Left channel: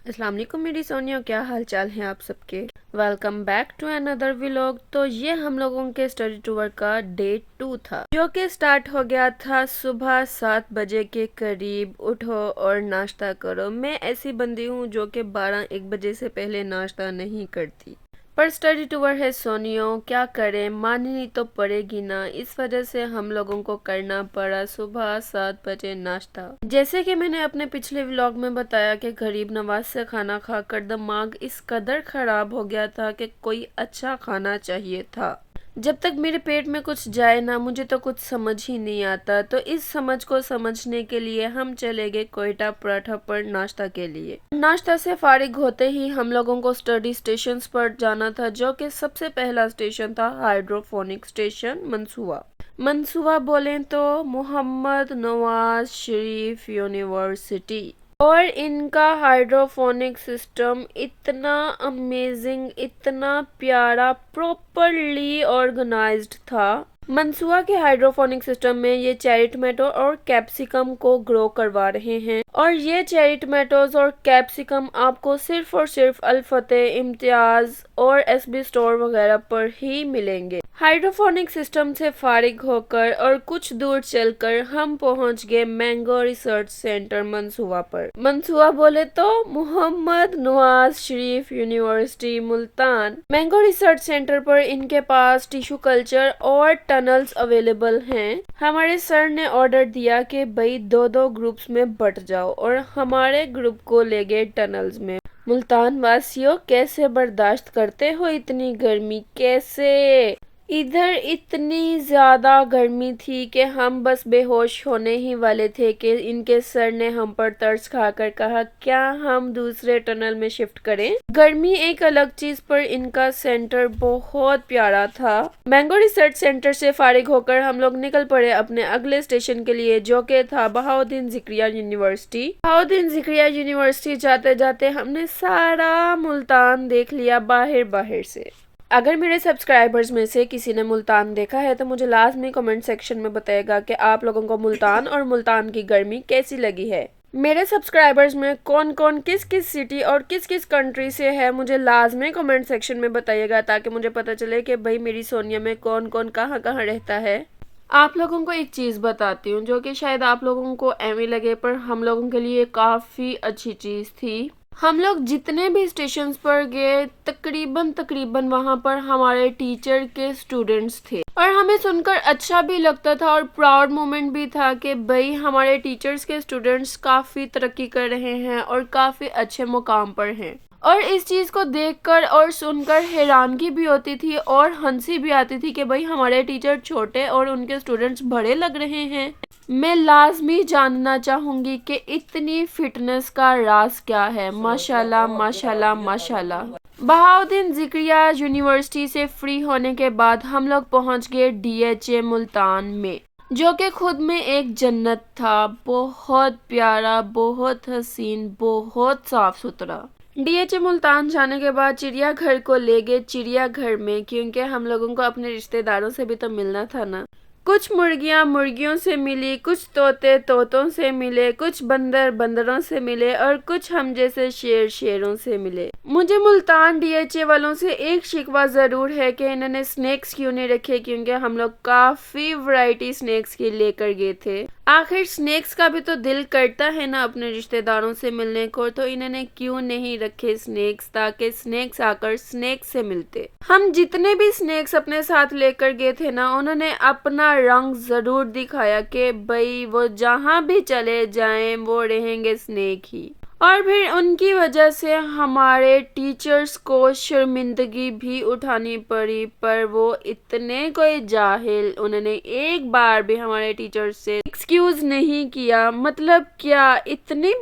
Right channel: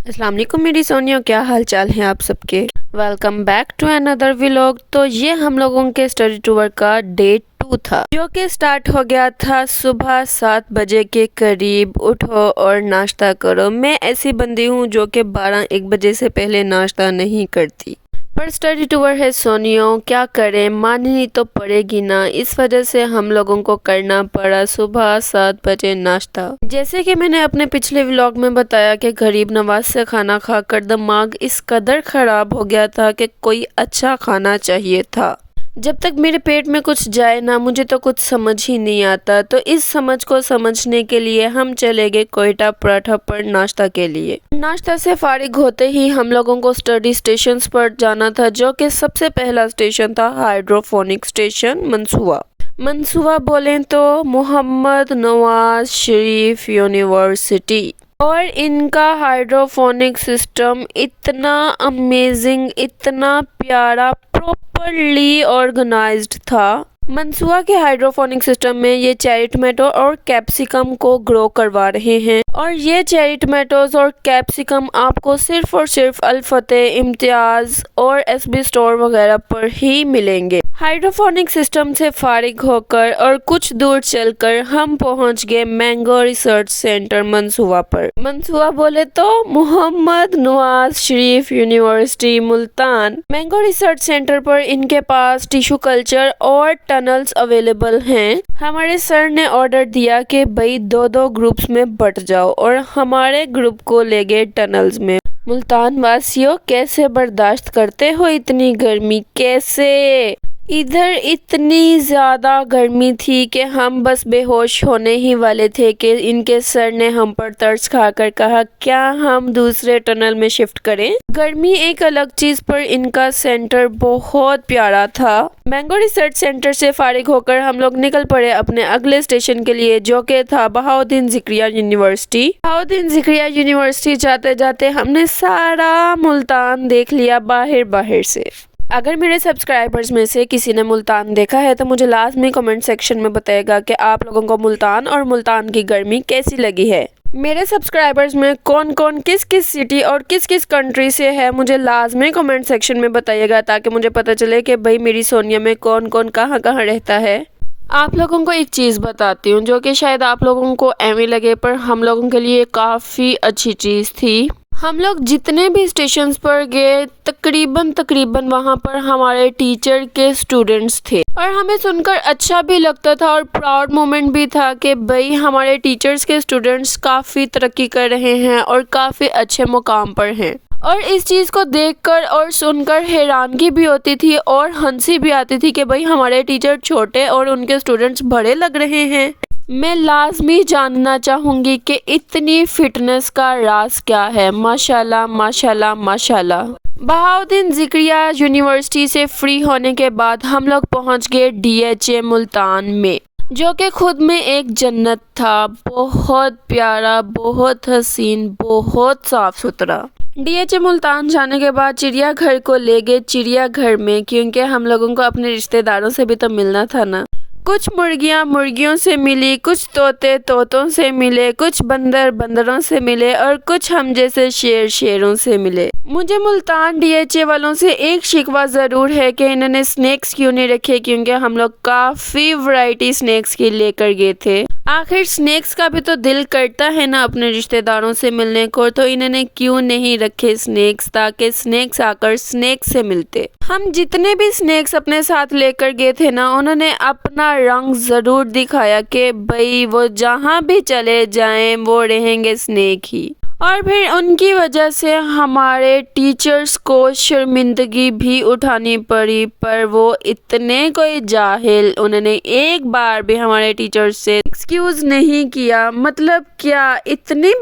अस्सलाम वालेकुम मेरी सोनियो, क्या हाल चाल हैं आप सबके। Welcome back to another vlog. तो ये हम लोगों के स्टडी टूर का डे 2 था, जो कि स्टार्ट हो गया था सुबह 7 बजे के करीब। उठो और नाश्ता करो। मैं ऐसी बंदी हूँ जो कि 12-1 बजे से पहले नाश्ता नहीं करती, पर स्टडी टूर है सोनियो, क्या करें, माननी तो पड़ेगी ना। इस वजह से हम लोगों को करना पड़ा सुबह 7 बजे नाश्ता। जैसे कि मैंने अपने पिछले व्लॉग में बताया कि गरीब नवाज से खाना खाकर दिमाग इस कदर खराब हो गया था कि कोई अच्छा खाना चाहिए था। जब तक मेरे पेट में कुछ जाए ना, मुझे तो कुछ समझ ही नहीं आता। तो इस समझ को समझने के लिए हम चले गए कोयटा पराठा पर नाश्ता के लिए। नाश्ता से फारिग होते ही हम लोगों को स्टडी स्टेशंस पर जाना था, जो कि सबसे पहला स्टेशन था हाइड्रोफोनिक स्टेशन मंसूआ। मंसूआ बोलें तो मोहम्मद नवाज शरीफ यूनिवर्सिटी। और इनका हाइड्रोफोनिक सिस्टम इतना अमेजिंग, इतना प्यारा, प्रॉपरली ऑर्गेनाइज्ड था। मंसूआ के हाइड्रोफोनिक सिस्टम में ये चेरी टमाटो और कैप्सिकम को ग्रो करवा रहे हैं, और ये चेरी टमाटोज और कैप्सिकम आपको सिर्फ और सिर्फ अल फतेह, इम्तियाज और एसबी स्टोर वगैरह पर ही मिलेंगे। हाइड्रोफोनिक सिस्टम से फारिग होकर और कुछ दूर चलकर हम पहुंच गए मैंगो रिसर्च सेंटर मंसूआ पर। मंसूआ बोले तो Mohammad Nawaz Sharif university Multan. Mango research centre पर इनके पास टिश्यू कल्चर और टनल्स अवेलेबल हैं। हमारे सर ने ऑर्डर दिया कि भाई 2-2 ग्रुप्स में बट जाओ, और हमारे ग्रुप को ले गए टनल्स में। मुल्तान वासियों, कैसे बर्दाश्त करते हो इतनी गर्मी, कैसे? इधर इतनी ज्यादा गर्मी थी कि हम बस बेहोश होने ही वाले थे कि इनके सर ने हम पर तरस खाकर कहा, क्या हम दूसरे टनल में शिफ्ट करें। गर्मी एक अलग चीज, पर इनका सेंटर बहुत प्यारा था। मैंगो रिसर्च सेंटर से फारिग होकर हम लोग निकल पड़े अपने अगले स्टेशन के लिए, जो कि था बहाउद्दीन ज़िक्रिया यूनिवर्सिटी। बहाउद्दीन ज़िक्रिया यूनिवर्सिटी जाते जाते हमने सारा मुल्तान देख लिया बाहर बाहर से। अगर मेरे सब्सक्राइबर्स में से किसी ने मुल्तान देखा है तो मुझे लाजमी कमेंट सेक्शन में बताएगा कि आप लोगों को मुल्तान और मुल्तान की गर्मी कैसी लगी है। मेरे सब्सक्राइबर्स में कौन कौन किस किस सिटी और किस किस कंट्री से है, मुझे लाजमी कमेंट सेक्शन में बताइएगा, ताकि मुझे पता चले कि भाई मेरी सोनिया में कौन कौन कहाँ कहाँ रहता है। आप लोगों को एक चीज़ बताती हूँ, जो कि शायद आप लोगों को एवं लगे, पर हम लोगों के लिए काफ़ी अच्छी चीज़ थी। हम लोग जितने भी स्टेशंस पर गए, तकरीबन वहाँ पर हमारे टीचर के स्टूडेंट्स थे, और हमें सुनकर अच्छा भी लगता था और प्राउड मोमेंट भी था कि भाई हमारे टीचर्स के स्टूडेंट्स काफ़ी तरक्की कर रहे हैं और काफ़ी अच्छे मुकाम पर हैं। और इस चीज़ को देखकर और सुनकर हैरानगी भी होती थी और हंसी भी आती थी कि भाई हमारे टीचर छोटे और उनके स्टूडेंट्स बड़े लग रहे हैं। मैं लाजमी जानना चाहूँगी कि इतनी फिटनेस का राज क्या है। माशाल्लाह माशाल्लाह माशाल्लाह। बहाउद्दीन ज़िक्रिया यूनिवर्सिटी से फ्री होने के बाद हम लोग पहुँच गए डीएचए मुल्तान में, जो कि खुद में एक जन्नत था। बहुत प्यारा, बहुत हसीन, बहुत साफ सुथरा। डीएचए मुल्तान जाने के बाद चिड़ियाघर को ले गए चिड़ियाघर में, क्योंकि हम लोगों को अपने रिश्तेदारों से भी तो मिलना था ना। कुछ मुर्गियां मुर्गियों से मिली, कुछ तोते तोतों से मिले, कुछ बंदर बंदरों से मिले, और कुछ हम जैसे शेर शेरों से मिले। मुझे मुल्तान डीएचए वालों से एक शिकवा ज़रूर है कि इन्होंने स्नैक्स क्यों नहीं रखे, क्योंकि हम लोग काफ़ी वैरायटी स्नैक्स की लेकर गए थे। आखिर स्नैक्स का भी तो दिल करता है ना अपने रिश्तेदारों से मिलने को, तो इन्होंने क्यों नहीं रखे स्नैक्स, ताकि स्नैक्स आकर स्नैक्स से मिलते। हम जितने भी स्नैक्स अपने साथ लेकर गए थे ना, उन्होंने अपना रंग ज़रूर दिखाया कि भाई वो जहाँ भी चले जाएं वो रहेंगे स्नैक ही। और फिर उनकी वजह से हमारे टीचर्स को शर्मिंदगी भी उठानी पड़ी, पर वो इतने कोई जाहिल, उन्होंने एक बार भी हमारे टीचर्स से एक्सक्यूज नहीं किया। मतलब क्या इतनी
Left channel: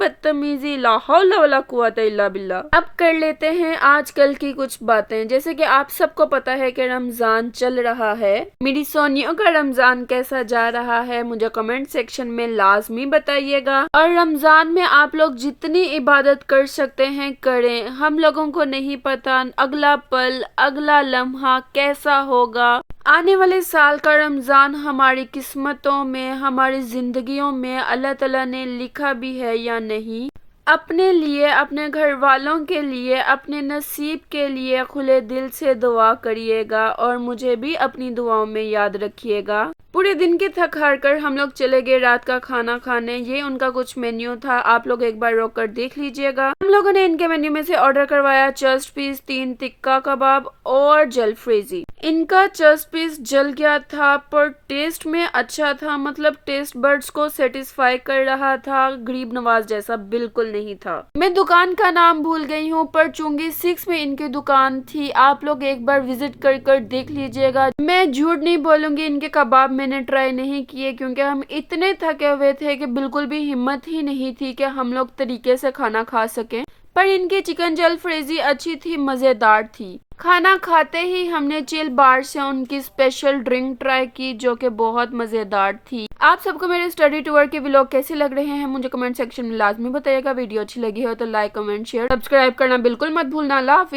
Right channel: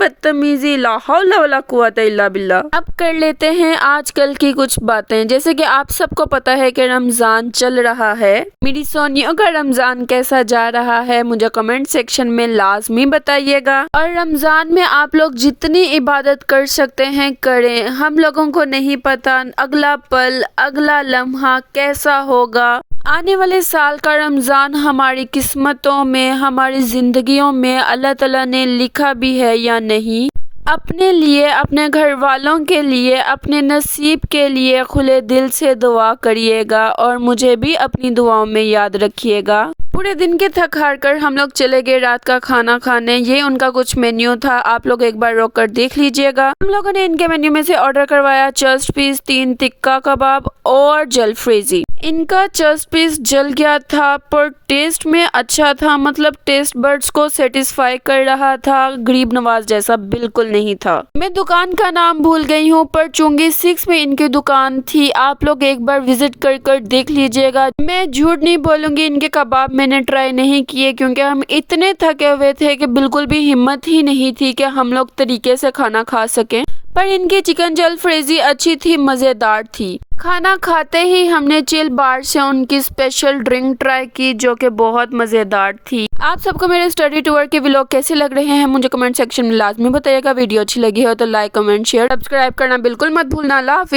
बदतमीजी, ला हौला वला कुव्वता इल्ला बिल्लाह। अब कर लेते हैं आजकल की कुछ बातें। जैसे कि आप सबको पता है कि रमजान चल रहा है। मेरी सोनियों का रमजान कैसा जा रहा है मुझे कमेंट सेक्शन में लाजमी बताइएगा। और रमजान में आप लोग जितनी इबादत कर सकते हैं करें। हम लोगों को नहीं पता अगला पल, अगला लम्हा कैसा होगा। आने वाले साल का रमज़ान हमारी किस्मतों में, हमारी ज़िंदगियों में अल्लाह ताला ने लिखा भी है या नहीं। اپنے لیے، اپنے گھر والوں کے لیے، اپنے نصیب کے لیے کھلے دل سے دعا کریے گا اور مجھے بھی اپنی دعاؤں میں یاد رکھیے گا۔ پورے دن کے تھک ہار کر ہم لوگ چلے گئے رات کا کھانا کھانے۔ یہ ان کا کچھ مینیو تھا، آپ لوگ ایک بار روک کر دیکھ لیجئے گا۔ ہم لوگوں نے ان کے مینیو میں سے آرڈر کروایا چسٹ پیس، 3 ٹکا کباب اور جل فریزی۔ ان کا چسٹ پیس جل گیا تھا پر ٹیسٹ میں اچھا تھا، مطلب ٹیسٹ برڈز کو سیٹسفائی کر رہا تھا، غریب نواز جیسا بالکل نہیں تھا۔ میں دکان کا نام بھول گئی ہوں پر چونگی 6 میں ان کی دکان تھی، آپ لوگ ایک بار وزٹ کر دیکھ لیجئے گا۔ میں جھوٹ نہیں بولوں گی، ان کے کباب میں نے ٹرائی نہیں کیے کیونکہ ہم اتنے تھکے ہوئے تھے کہ بالکل بھی ہمت ہی نہیں تھی کہ ہم لوگ طریقے سے کھانا کھا سکیں، پر ان کی چکن جل فریزی اچھی تھی، مزیدار تھی۔ کھانا کھاتے ہی ہم نے چل بار سے ان کی اسپیشل ڈرنک ٹرائی کی جو کہ بہت مزیدار تھی۔ آپ سب کو میرے اسٹڈی ٹور کے ولاگ کیسے لگ رہے ہیں مجھے کمنٹ سیکشن میں لازمی بتائیے گا۔ ویڈیو اچھی لگی ہو تو لائک، کمنٹ، شیئر، سبسکرائب کرنا بالکل مت بھولنا۔ اللہ حافظ۔